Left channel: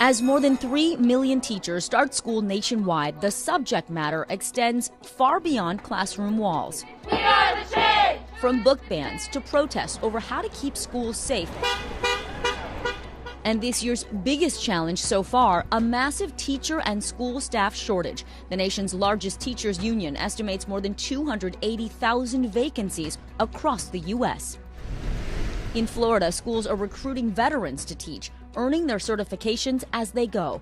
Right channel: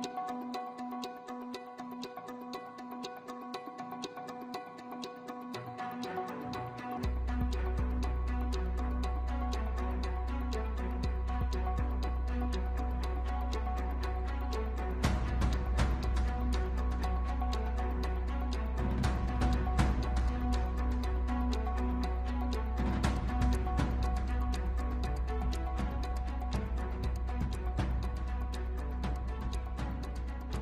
As more than 3 million teachers start school nationwide, the subject matter extends far beyond classroom walls. We are the change! From book bans to protests over how to keep schools safe. And this year's biggest challenge so far, a massive teacher and school staff shortage. The nation's largest teachers union estimates more than 280,000 vacancies across the U.S. In Florida, schools are recruiting veterans to teach, earning their certifications as they go.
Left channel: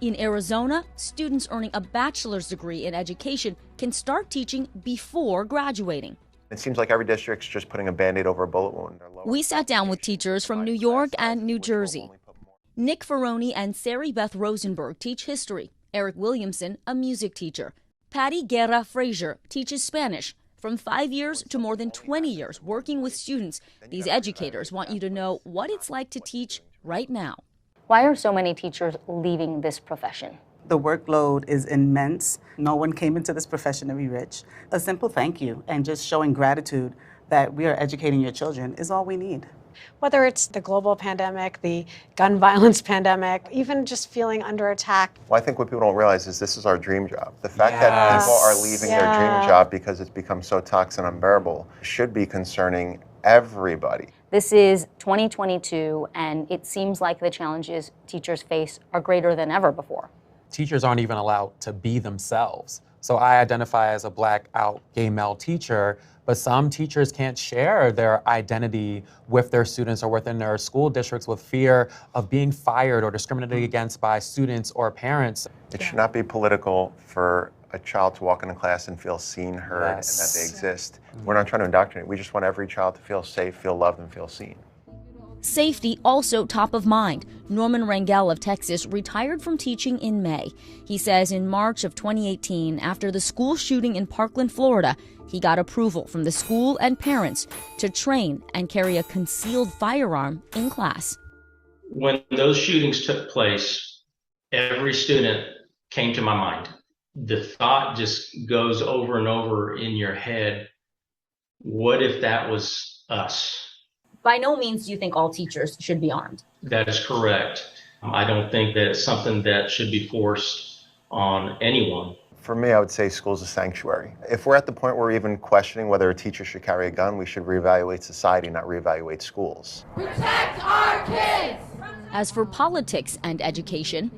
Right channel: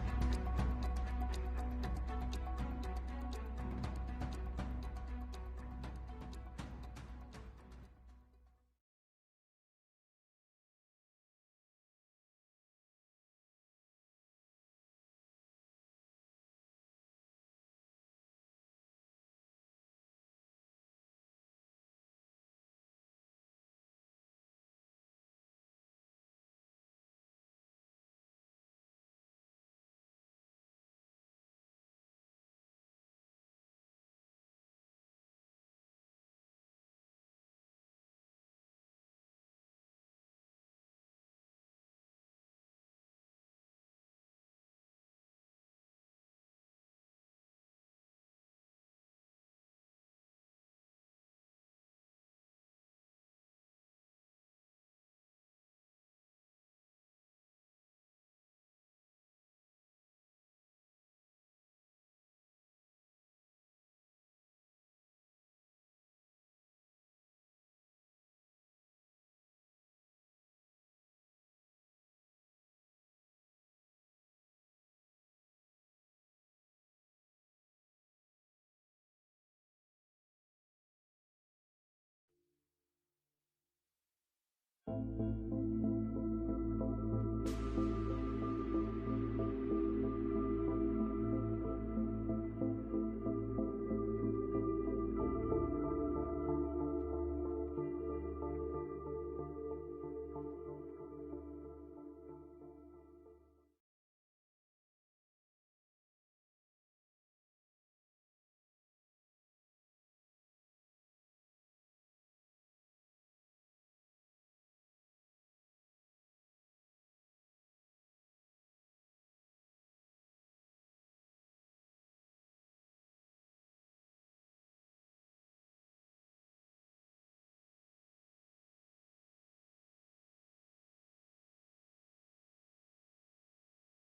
In Arizona, students earning a bachelor's degree in education can start teaching before graduating. It seems like every district's just putting a Band-Aid over a bullet wound. We sat down with teachers from New York and New Jersey. Nick Ferroni and Sari Beth Rosenberg teach history. Eric Williamson, a music teacher. Patty Guerra Frazier teaches Spanish. From 5 years to more than 20 years working with students, these educators want you to know what it's like to teach right now. Why are so many teachers leaving this profession? The workload is immense. No one came into this profession to be rich. A simple thank you and just showing gratitude that we are educating your children is all we need. Whether it's the global pandemic, the gun violence pandemic, even just feeling under attack. Well, I think what people don't realize is this is our dream job. The fact that people are leaving their dream job because it's become so toxic and unbearable should be concerning everybody. This is 2022, and it seems like the challenges teachers face are greater than ever before. Teachers aren't even allowed to be themselves. So I identify as a Black out gay male teacher, but some teachers can't share their identity with their students or within their school districts with fear of being fired or discriminated against by students or parents. It should not be political for a child to walk into class and feel seen, heard, and that they exist. We're not trying to indoctrinate. We just want every child to feel safe, feel loved, and feel seen. Safety also top of mind. Norman Rangel of Texas retired from teaching in May. He says in March of 2018, after the school shooting in Parkland, Florida, he got approval from the school and parents to train and carry a concealed firearm in class. When those shootings took place, every student came to my mind. The thought just goes over and over in your head, what if that was us? By no means do you think all teachers should be armed. That is correct. I don't think that it's something that should be forced on anyone. For me, I would say school's a sanctuary. If we're at the point where we're even questioning whether a teacher should carry a gun, we should reevaluate society, not reevaluate schools. Protect our kids! As for politics and education,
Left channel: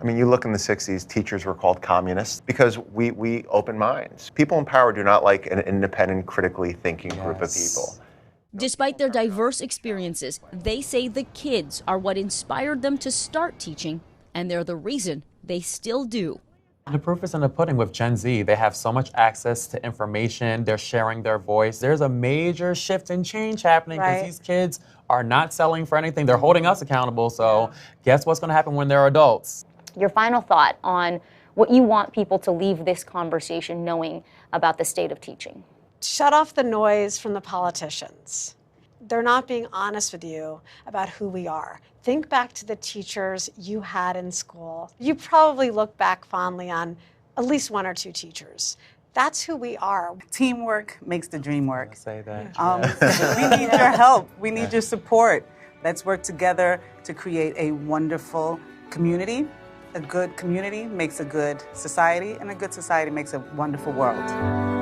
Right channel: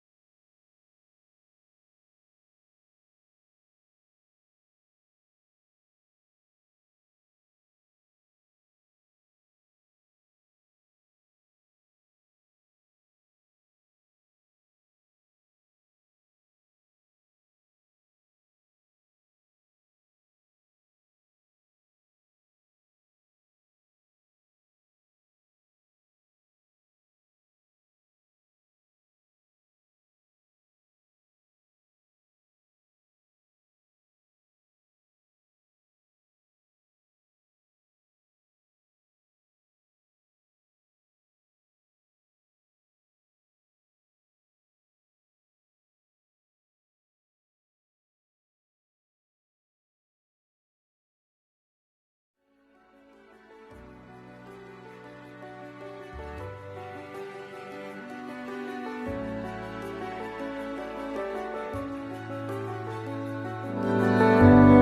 I mean, you look in the 60s, teachers were called communists because we open minds. People in power do not like an independent, critically thinking group of people. despite their diverse experiences, they say the kids are what inspired them to start teaching, and they're the reason they still do. The proof is in the pudding with Gen Z. They have so much access to information. They're sharing their voice. There's a major shift and change happening because these kids are not selling for anything. They're holding us accountable. So guess what's going to happen when they're adults? Your final thought on what you want people to leave this conversation knowing about the state of teaching. Shut off the noise from the politicians. They're not being honest with you about who we are. Think back to the teachers you had in school. You probably look back fondly on at least one or two teachers. That's who we are. Teamwork makes the dream work. Say that. We need your help. We need your support. Let's work together to create a wonderful community. A good community makes a good society, and a good society makes a wonderful world.